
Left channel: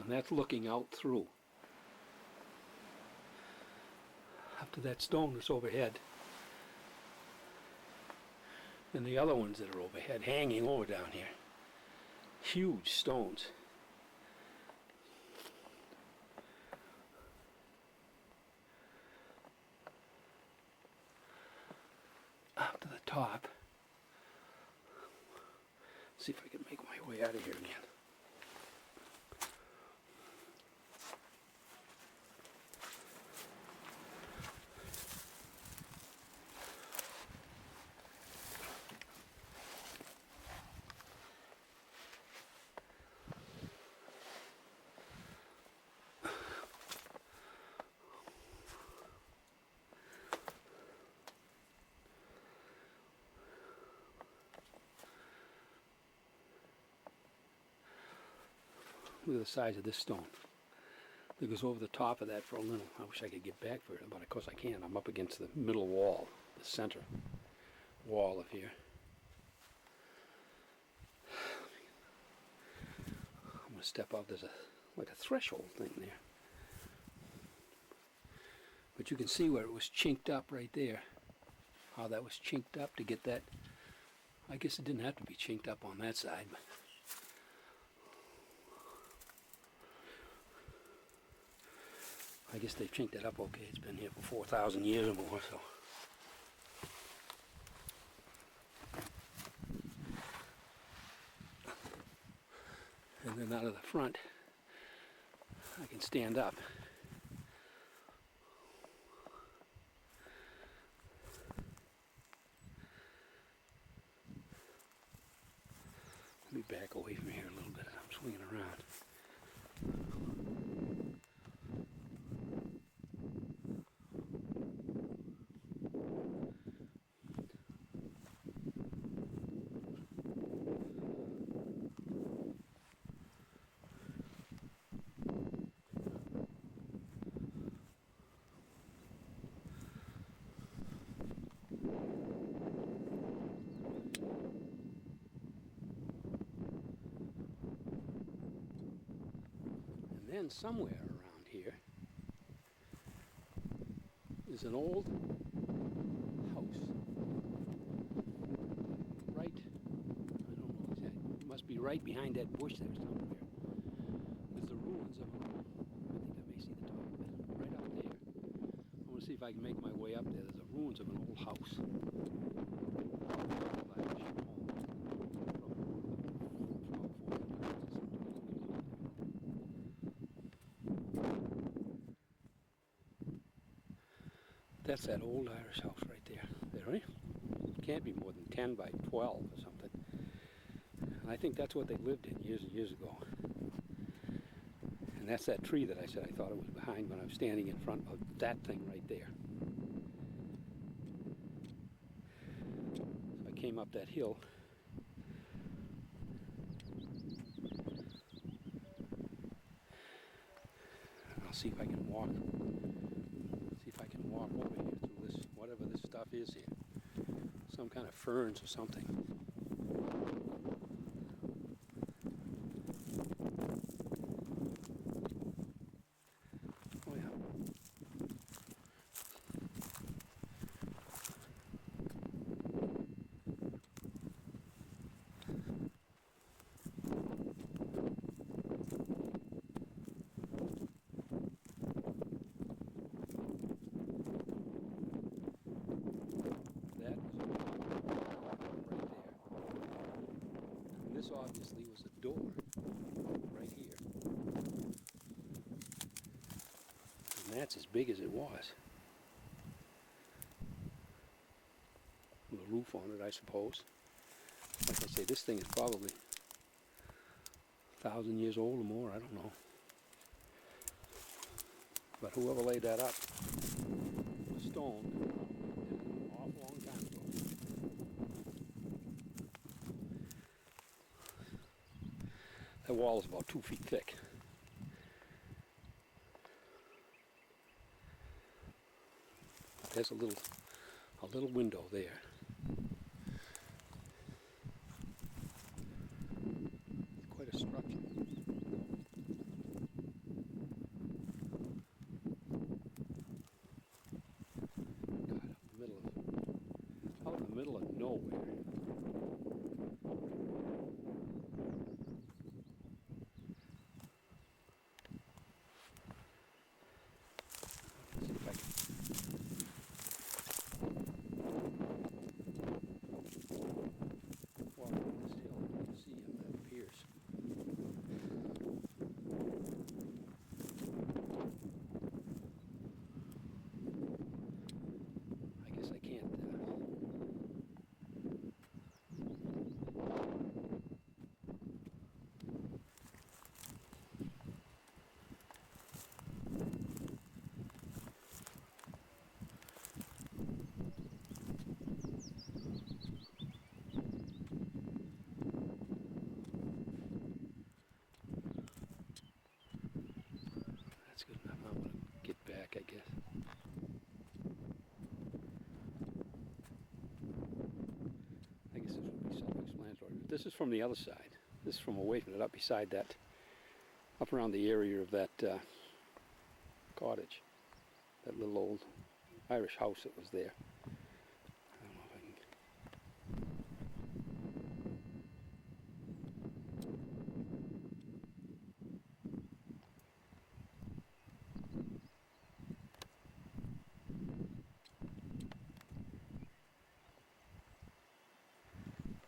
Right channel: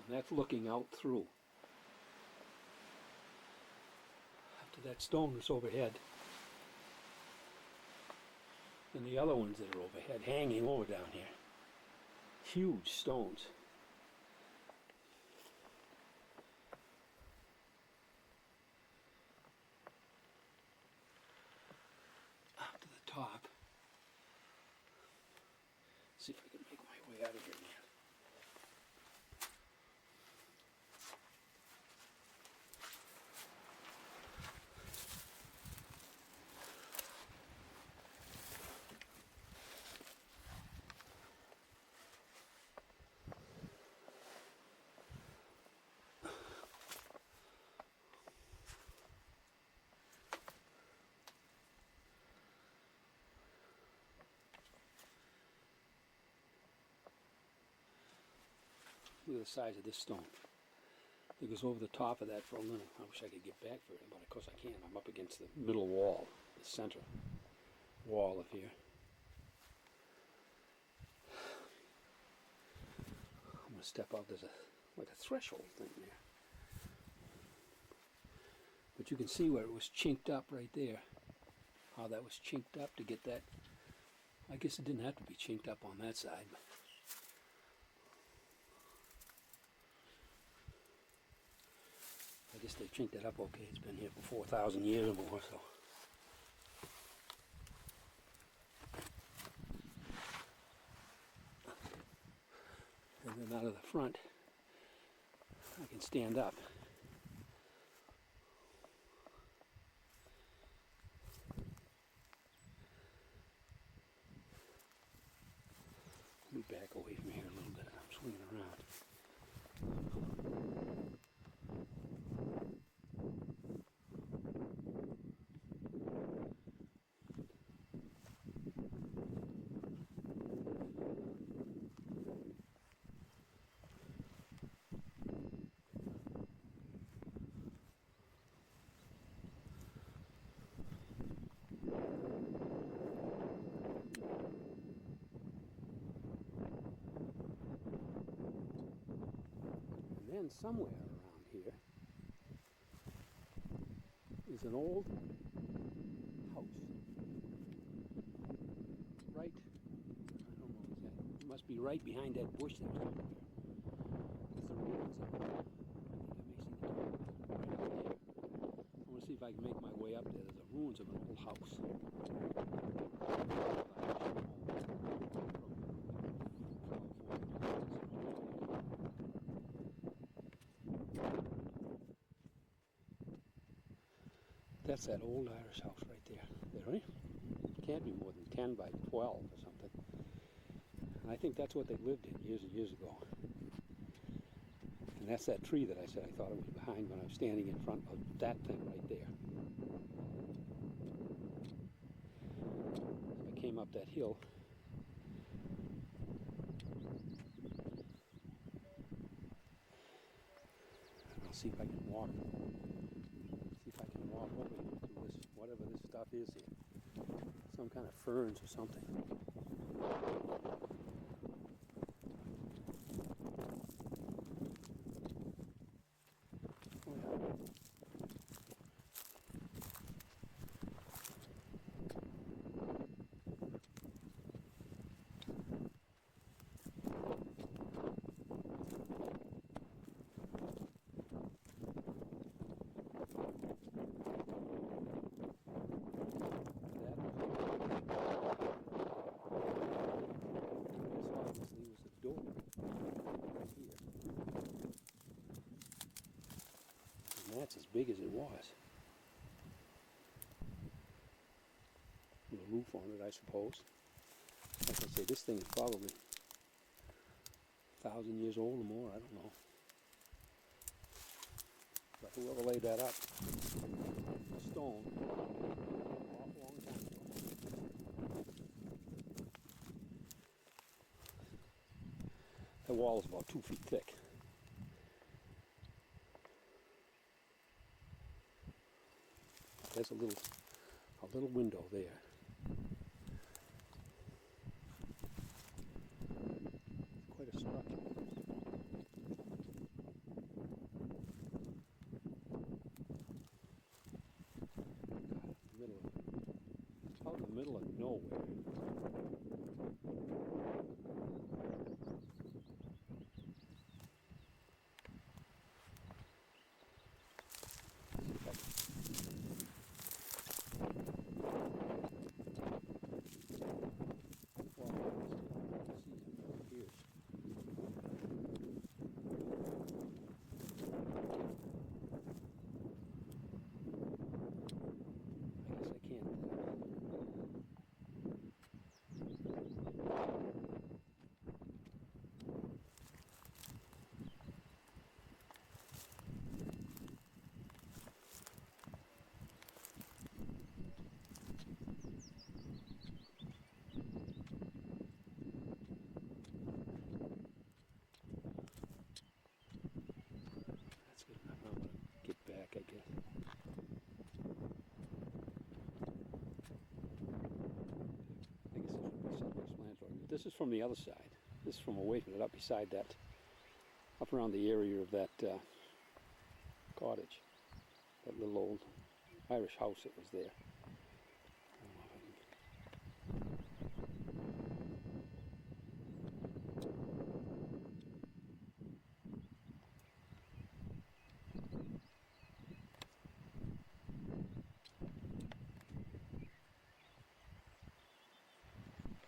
And that's looking out through. Up to that stone that's overhead. And the other ones that are overhead, hanging over down here. Huge stones. Up to the top. See if I can make my way out of here again. Look at the size of this stone. It goes over the top of that for a little. I wish I could get back for it, but of course I can't. I'm up against the middle wall, the center wall of here. I'm going to step out. There's like a threshold thing there. But you can see where it was chinked up right there. How that was chinked up to get that. I guess it didn't have to be chinked up on that side, but I guess they've chinked it up okay. It's been here for 4,000 years or more, so. And then out of the front, I can stand up. Let me back away from here a little bit as I'm swinging around. And then somewhere around here is an old house. Right, I don't know exactly, it must be right behind that bush there somewhere. There's the ruins of, I think I may see the top of it, right out there. I want to see if I can make my way up there. There's the ruins of an old house. That's that old Irish house right there. There, right? It can't be more than 10 by 12 or something. And I think that's what they lived in years and years ago. And that's that tree that I said I thought it was behind when I was standing in front of that thing right there. So I came up that hill. And I'll see if I can walk. See if I can walk over here through this, whatever this stuff is here. Some kind of ferns or something. Oh yeah. This obviously was a door right here. And that's as big as it was. With a roof on it, I suppose. Like I say, this thing is probably 1,000 years old or more, I don't know. But whoever laid that up, stone, an awful long That wall is about 2 feet thick. There's a little window there. Quite a structure. Out in the middle of nowhere. See if I can. Well, still, you can see it appears. I guess I can't. That's good enough. I'm gonna get back, I guess. I guess this would be self-explanatory. This is from the other side. This is from away from it, up beside that, up around the area of that cottage, that little old Irish house that was there. I don't know if I can.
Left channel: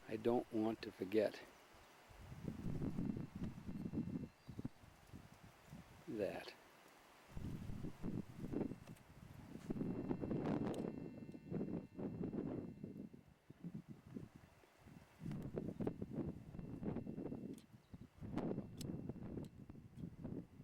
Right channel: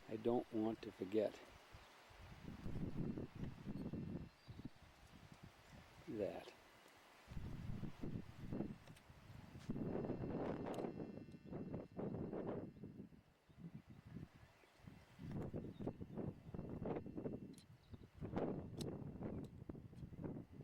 I don't want to forget that.